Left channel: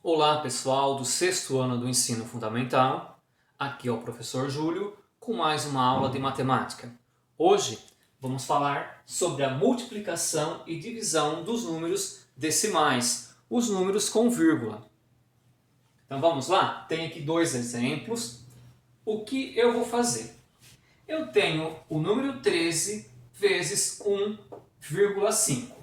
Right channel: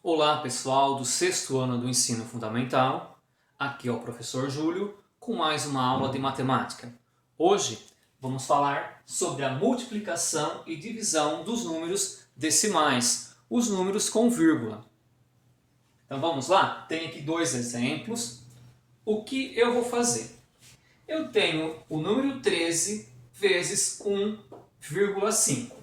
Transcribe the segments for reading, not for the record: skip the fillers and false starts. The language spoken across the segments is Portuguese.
Olá pessoal do sexto ano do ensino fundamental, aqui é o professor Júlio com mais uma aula de matemática. Hoje vamos falar sobre a multiplicação e divisão dos números decimais, os números com vírgula. Então vamos lá? Tem aqui dois exemplos. O que eu vou fazer? Eu tenho o número 13 vezes 1,5.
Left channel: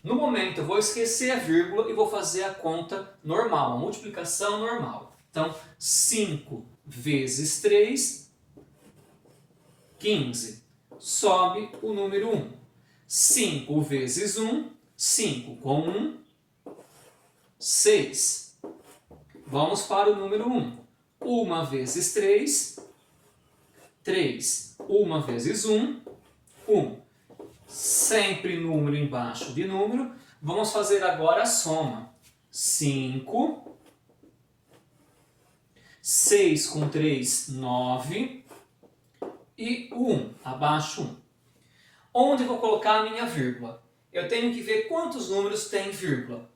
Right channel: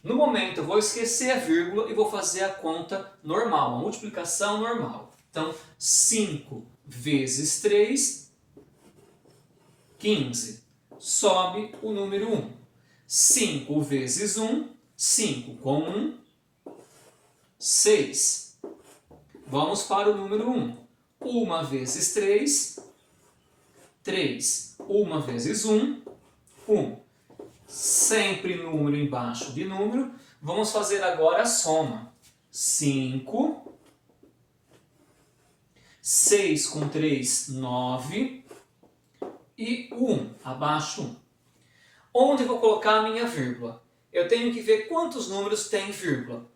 No momento eu vou esquecer a vírgula e vou fazer a conta normal, a multiplicação normal. Então, 5 vezes 3, 15. Sobe o número 1. 5 vezes 1, 5 com 1, 6. Vamos para o número 1. 1 vezes 3, 3. 1 vezes 1, 1. Sempre número embaixo de número. Vamos fazer agora a soma. 5. 6 com 3, 9. E 1, abaixo 1. Onde eu vou colocar a minha vírgula? Eu tenho que ver quantos números tem vírgula.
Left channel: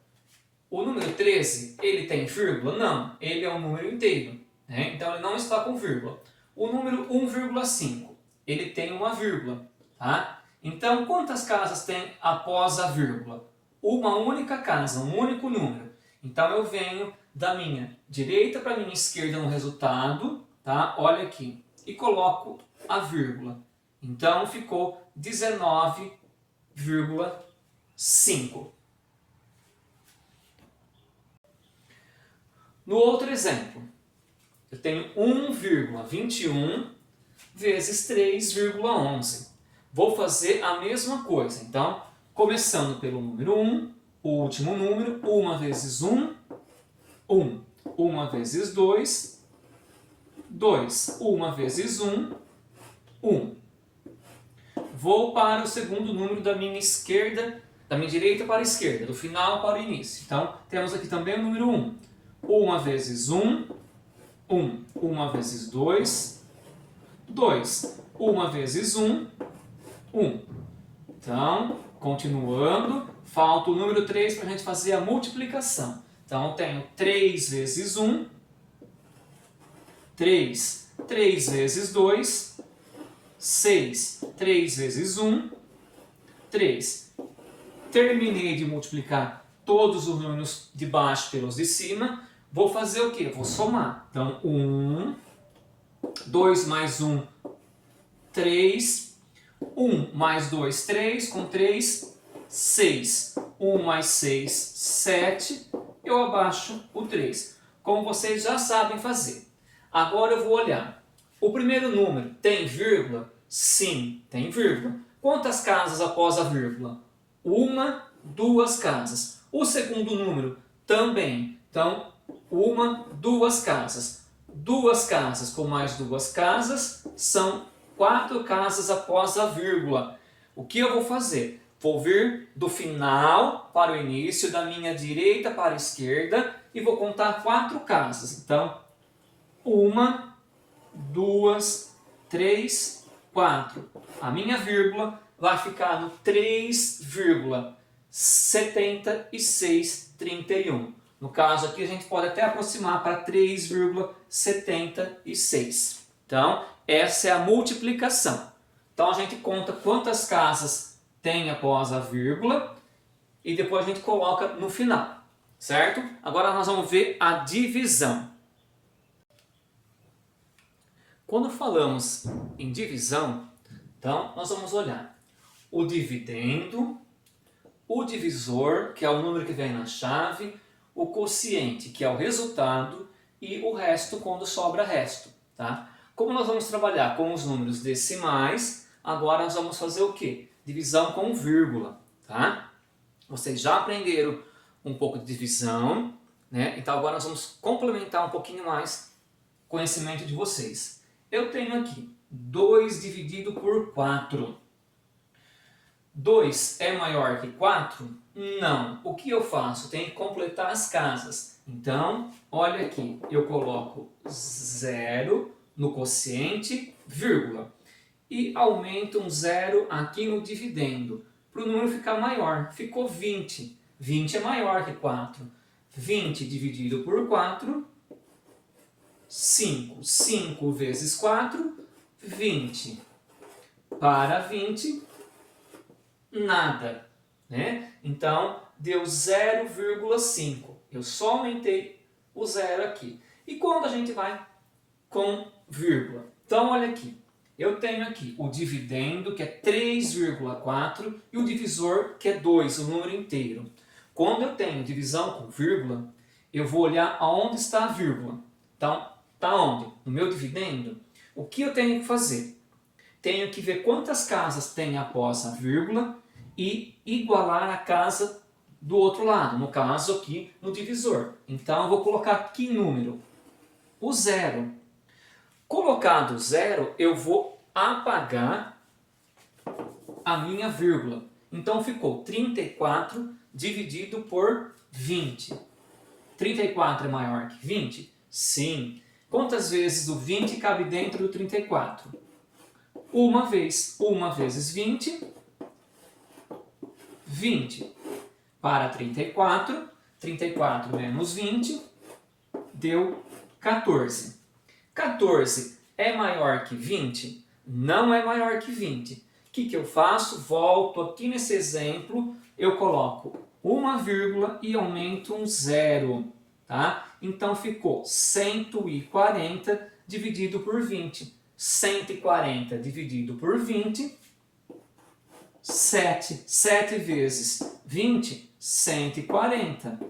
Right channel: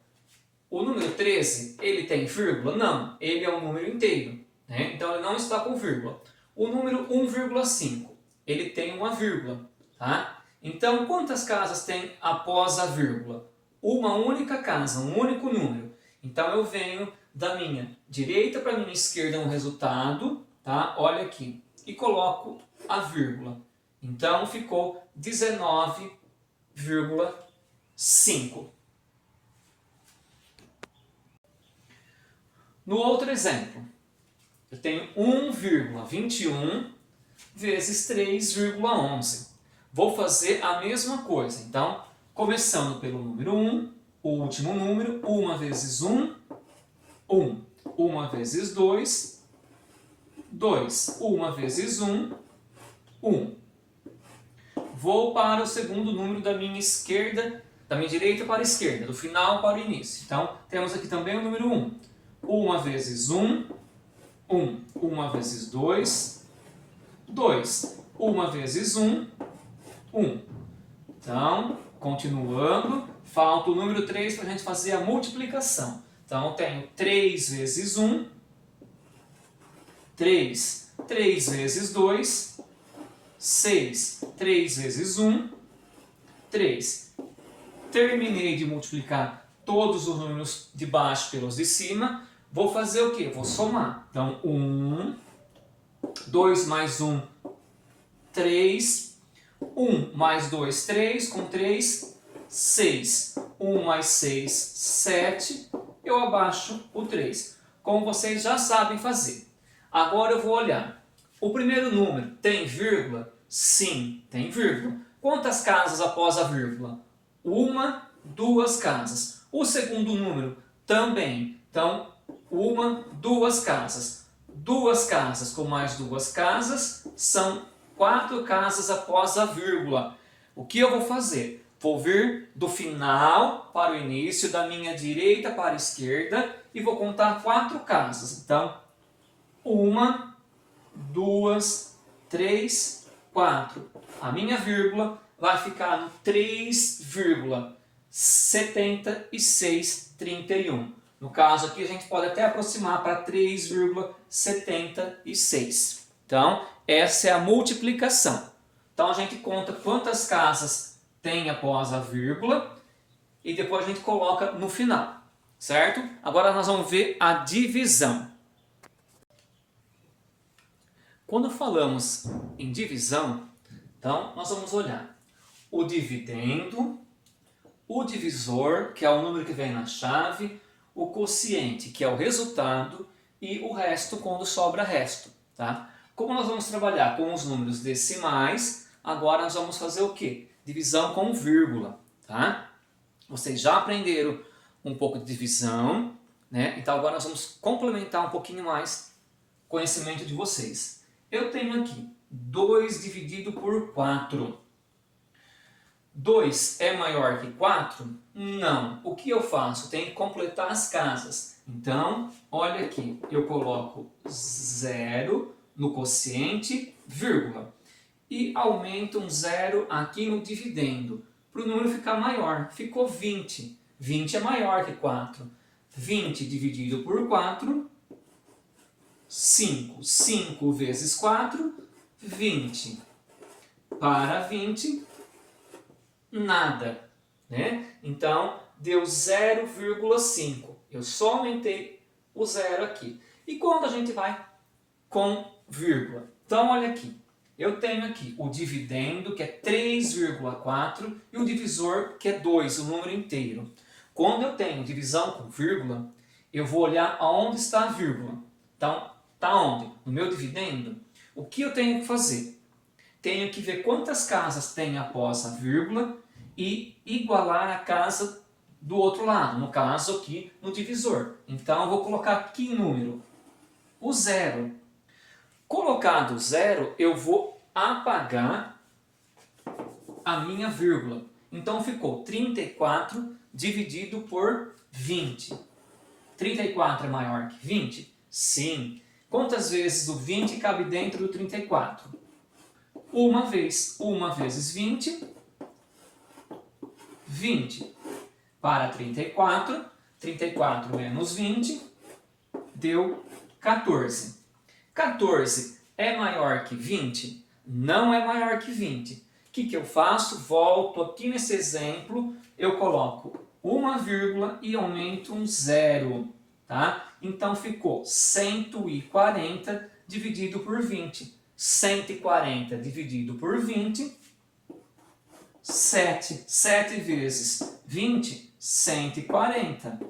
O número 13, ele tem vírgula? Não, ele é um número inteiro, né? Então ele não está com vírgula. O número 1,5, ele tem uma vírgula, tá? Então, quantas casas tem após a vírgula? Uma única casa, um único número. Então, eu venho da minha direita para a minha esquerda no resultado, tá? Olha aqui. E coloco a vírgula. Então, ficou 19,5. No outro exemplo, eu tenho 1,21 vezes 3,11. Vou fazer a mesma coisa. Então, começando pelo número 1, o último número, 1 vezes 1, 1. 1 vezes 2, 2. 1 vezes 1, 1. Vou para o segundo número da minha esquerda, da minha direita para a esquerda, do final para o início. Então, temos aqui também o número 1. 1 vezes 1, 1. 1 vezes 2, 2. 1 vezes 1, 1. Então, continuando, falta o número 3 para a gente fazer a multiplicação. Então, eu tenho 3 vezes 1, 3. 3 vezes 2, 6. 3 vezes 1, 3. Terminei de multiplicar todos os números de baixo pelos de cima. Vou fazer o quê? Vou somar. Então, 1, 2 mais 1, 3. 1 mais 2, 3. Com 3, 6. 1 mais 6, 7. Eu abaixo o 3. Como vocês já sabem fazer. Agora eu vou olhar. O primeiro número tem vírgula? Sim, tem vírgula. Quantas casas após a vírgula? 1, 2 casas. O segundo número também. Então, 1, 2 casas. 2 casas com mais 2 casas são 4 casas após a vírgula. O que eu vou fazer? Vou vir do final para o início, da minha direita para a esquerda e vou contar 4 casas. Então, 1, 2, 3, 4. A minha vírgula vai ficar no 3,7631. No caso aqui a gente pode até aproximar para 3,76. Então, essa é a multiplicação. Então a gente conta quantas casas tem após a vírgula e depois a gente coloca no final, certo? Agora nós vamos ver a divisão. Quando falamos em divisão, então nós vamos olhar o dividendo, o divisor, que é o número que vem na chave, o quociente, que é o resultado, e o resto quando sobra resto, tá? Como nós vamos trabalhar com os números decimais, agora nós vamos fazer o quê? Divisão com vírgula, tá? Vocês já aprenderam um pouco de divisão, né? Então agora nós vamos complementar um pouquinho mais o conhecimento de vocês. Eu tenho aqui 2 dividido por 4. 2 é maior que 4? Não. O que eu faço? Tenho que completar as casas. Então, olha aqui, eu coloco 0 no quociente, vírgula. E aumento um 0 aqui no dividendo, para o número ficar maior. Ficou 20. 20 é maior que 4. 20 dividido por 4, 5. 5 vezes 4, 20. Para 20, nada, né? Então, deu 0,5. Eu só aumentei o zero aqui. E quando a gente vai com vírgula? Então, olha aqui. Eu tenho aqui o dividendo, que é 3,4, e o divisor, que é 2, o número inteiro. Quando eu tenho divisão com vírgula, eu vou olhar aonde está a vírgula. Então, está onde? No meu dividendo. O que eu tenho que fazer? Tenho que ver quantas casas tem após a vírgula e igualar a casa do outro lado, no caso aqui no divisor. Então, eu vou colocar que número? O zero. Colocado o zero, eu vou apagar a minha vírgula. Então, ficou 34 dividido por 20. 34 é maior que 20? Sim. Quantas vezes o 20 cabe dentro do 34? Uma vez. 1 vezes 20, 20. Para 34, 34 menos 20, deu 14. 14 é maior que 20? Não é maior que 20. O que eu faço? Volto aqui nesse exemplo, eu coloco uma vírgula e aumento um zero. Tá? Então ficou 140 dividido por 20. 140 dividido por 20, 7. 7 vezes 20, 140.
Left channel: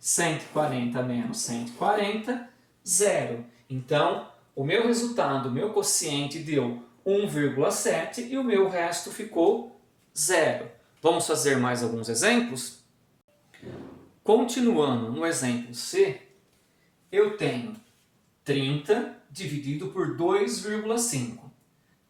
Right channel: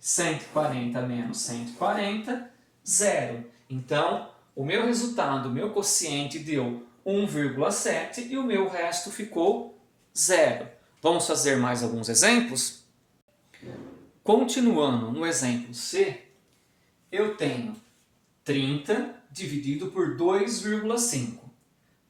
140 menos 140, 0. Então, o meu resultado, o meu quociente deu 1,7 e o meu resto ficou 0. Vamos fazer mais alguns exemplos? Continuando no exemplo C, eu tenho 30 dividido por 2,5.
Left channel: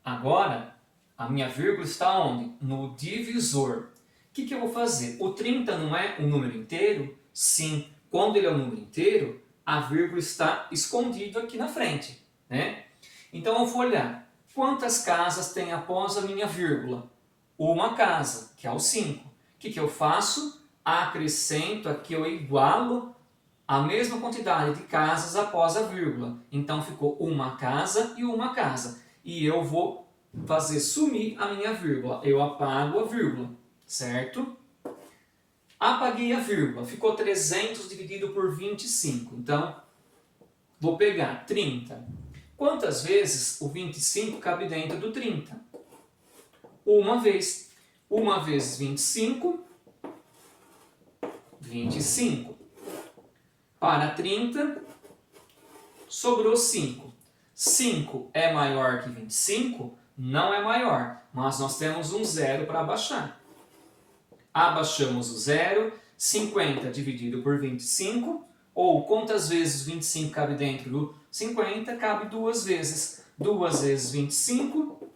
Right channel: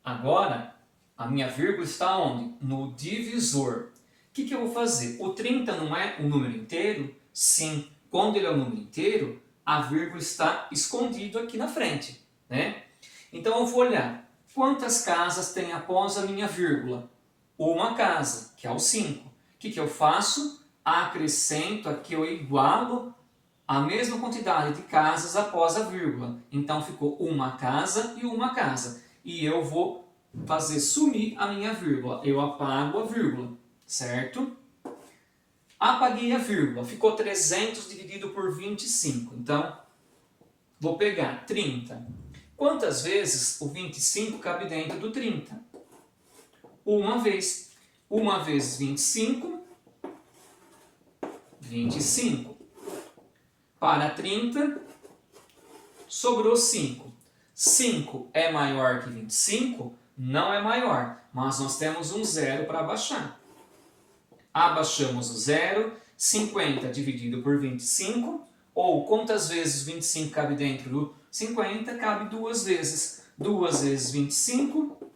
Agora, a minha vírgula está onde? No divisor. O que eu vou fazer? O 30 não é um número inteiro? Sim. Quando ele é um número inteiro, a vírgula está escondida aqui na frente, né? Então, eu vou olhar quantas casas tem após a minha vírgula. Uma casa, que é o 5. O que eu faço? Acrescento aqui, eu igualo a mesma quantidade de casas após a vírgula. Então, ficou uma casa e uma casa. E eu vou fazer sumir a minha vírgula. Eu apago a vírgula, certo? Apaguei a vírgula. Ficou 300 dividido por 25. Então, vou pegar 30. Quantas vezes o 25 cabe dentro do 30? Uma vez. 1 vezes 25, 25. Para 30, sobrou 5. 5 é maior que 25? Não é maior, mas nós temos um zero para abaixar. Abaixamos o zero, 50 dividido por 25, ou quantas vezes 25 cabe dentro do 50? Cabe 2 vezes. 2 vezes 25,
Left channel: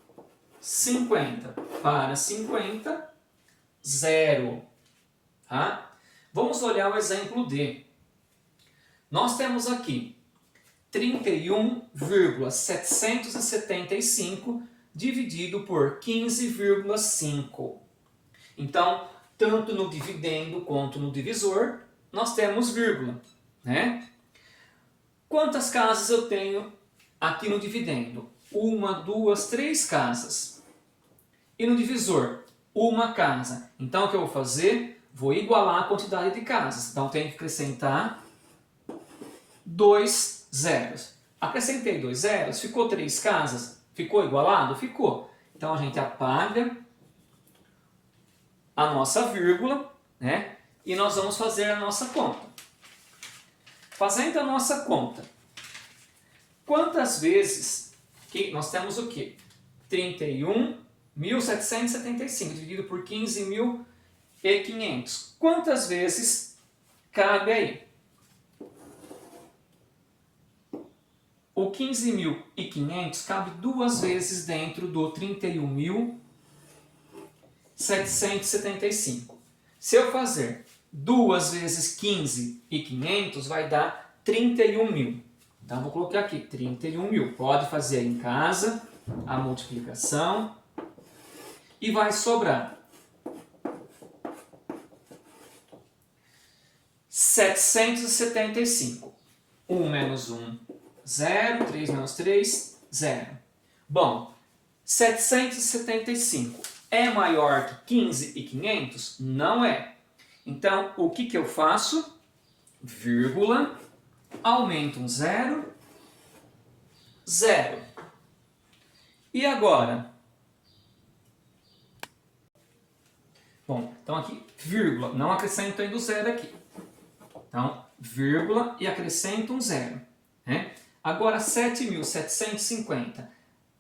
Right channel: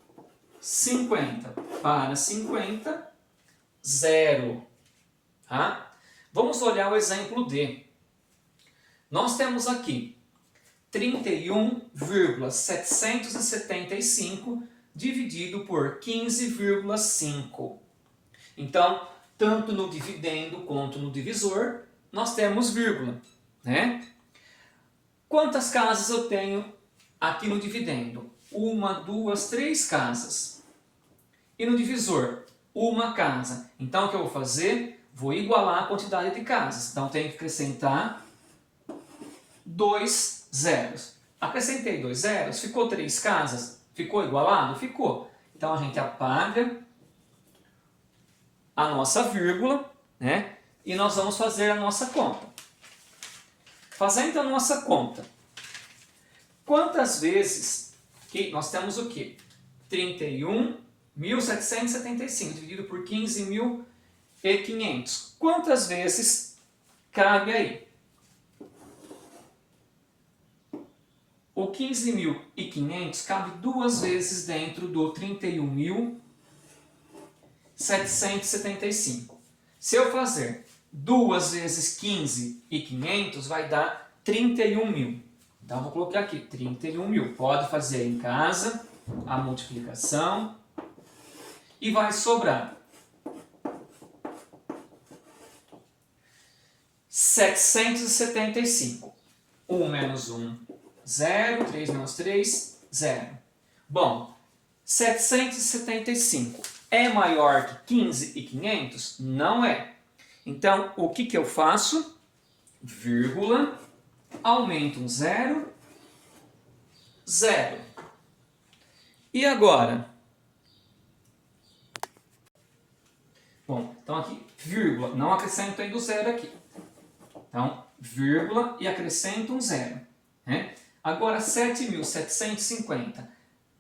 50. Para 50, 0. Tá? Vamos olhar o exemplo D. Nós temos aqui 31,775 dividido por 15,5. Então, tanto no dividendo quanto no divisor, nós temos vírgula, né? Quantas casas eu tenho aqui no dividendo? 1, 2, 3 casas. E no divisor? Uma casa. Então, o que eu vou fazer? Vou igualar a quantidade de casas. Então, tenho que acrescentar 2 zeros. Acrescentei 2 zeros, ficou 3 casas? Ficou igualado? Ficou. Então, a gente apaga a nossa vírgula, né? E nós vamos fazer a nossa conta. Fazendo a nossa conta, quantas vezes que nós temos o quê? 31.775 dividido por 15.500. Quantas vezes cabe aí? O 15.500 cabe 2 vezes dentro do 31.775. Se eu fazer 2 vezes 15.500, vai dar 31.000. Então, vou colocar aqui 31.000. Pode fazer aí em casa a multiplicação e vai sobrar 775. 1 menos 1, 0. 3 menos 3, 0. Bom, 775 é maior que 15.500? Não é. Então, o que eu faço? Vírgula, aumento um 0, 0. E agora? Bom, então aqui, vírgula, não acrescento ainda o 0 aqui. Então, vírgula e acrescento um 0. Né? Agora, 7.750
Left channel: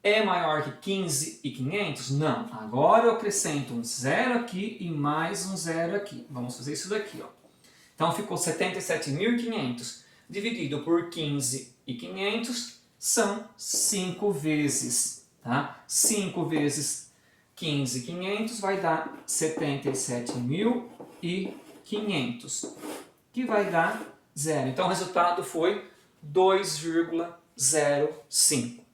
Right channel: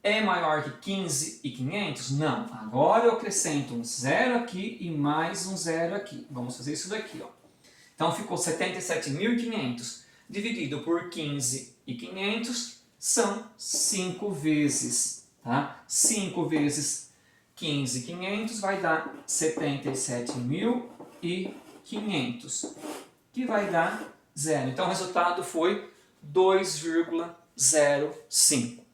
é maior que 15.500? Não. Agora eu acrescento um 0 aqui e mais um 0 aqui. Vamos fazer isso daqui. Ó. Então, ficou 77.500 dividido por 15.500 são 5 vezes. Tá? 5 vezes 15.500 vai dar 77.500, que vai dar 0. Então, o resultado foi 2,05.